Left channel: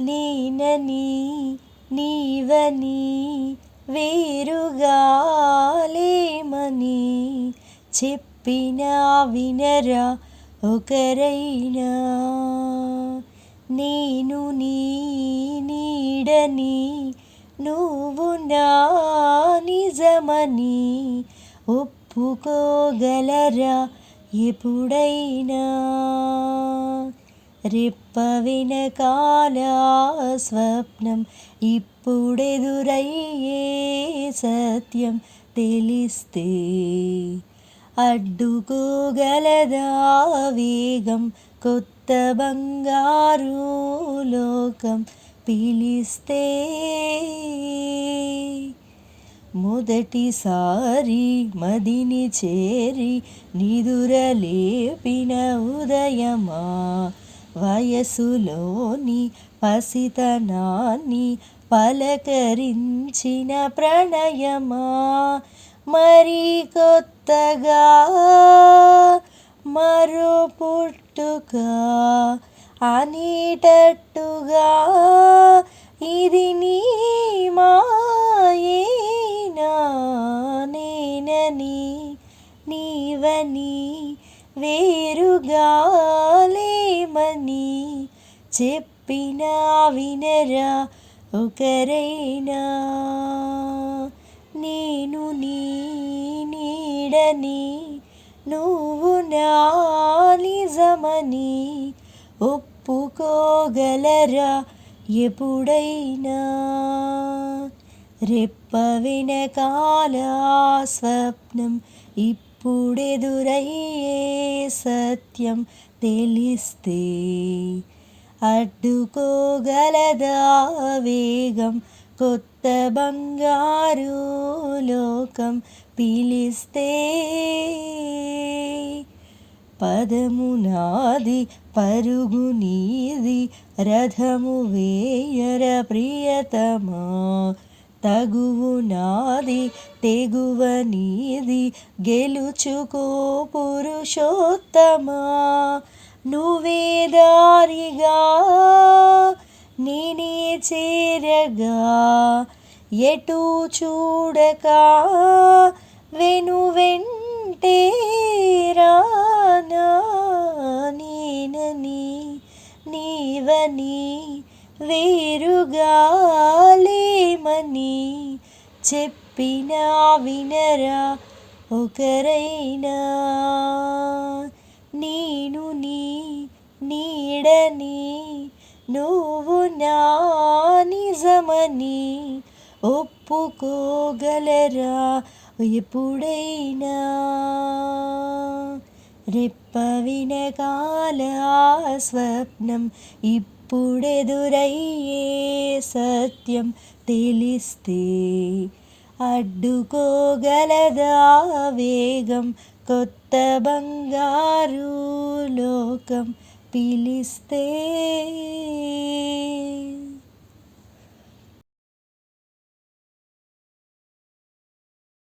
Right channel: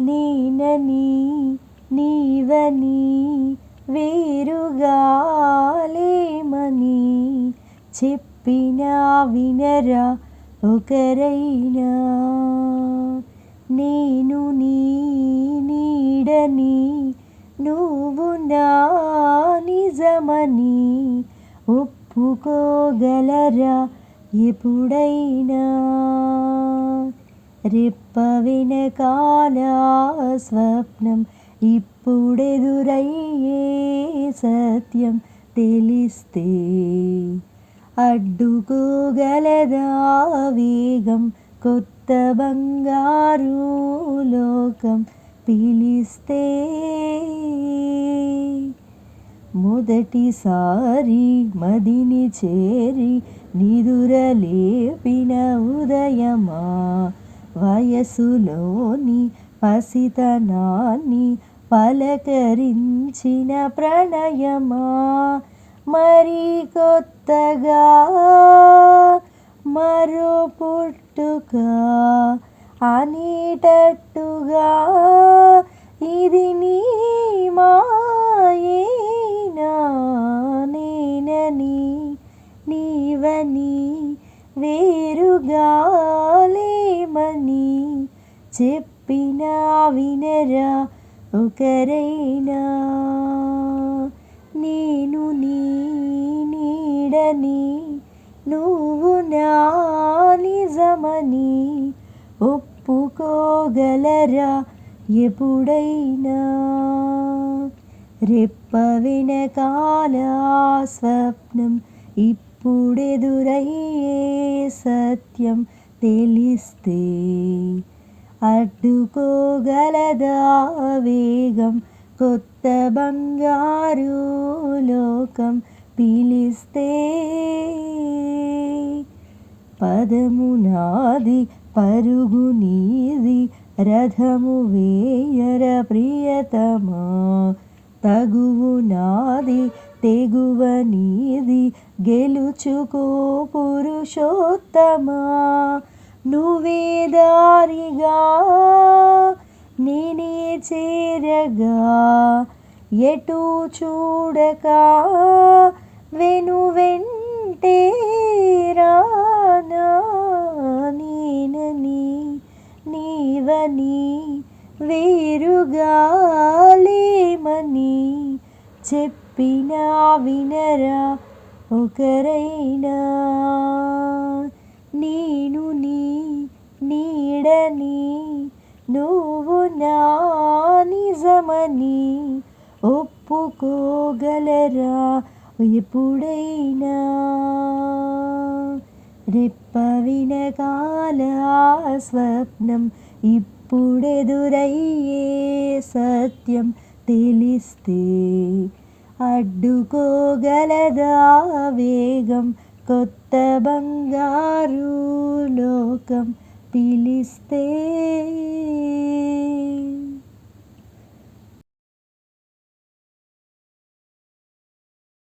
నేనని నీవని వేరుగా లేమని చెప్పినా వినరా ఒకరైనా. నేను నీ నీడని నువ్వు నా నిజమని ఒప్పుకోగలరా ఎప్పుడైనా. రెప్ప వెనకాల స్వప్నం ఇప్పుడెదురయ్యే సత్యం తెలిస్తే అడ్డుకోగలదా వేగం కొత్త బంగారు లోకం పిలిస్తే. మొదటిసారి మదిని చేరి నిదురలేపిన ఉదయమా, వయసులోని పసితనాన్ని పలకరించిన ప్రణయమా, మరి కొత్తగా మరో పుట్టుక అనేటట్టుగా ఇది నీ మాయేనా. నేనని నీవని వేరుగా లేమని చెప్పినా వినరా ఒకరైనా. నేను నీ నీడని నువ్వు నా నిజమని ఒప్పుకోగలరా ఎప్పుడైనా. రెప్ప వెనకాల స్వప్నం ఇప్పుడెదురయ్యే సత్యం తెలిస్తే అడ్డుకోగలదా వేగం కొత్త బంగారు లోకం పిలిస్తే. పదము నాది పరుగు నీది రథము వేయర ప్రియతమా, తగువు నాది తెగువ నీది గెలుచుకో పురుషోత్తమా. నువ్వే దారిగా నేనే చేరగా ఎటు చూడక వెంటే రానా. నేనని నీవని వేరుగా లేమని చెప్పినా వినరా ఒకరైనా. నేను నీ నీడని నువ్వు నా నిజమని ఒప్పుకోగలరా ఎప్పుడైనా. రెప్ప వెనకాల స్వప్నం ఇప్పుడెదురయ్యే సత్యం తెలిస్తే అడ్డుకోగలదా వేగం కొత్త బంగారు లోకం పిలిస్తే.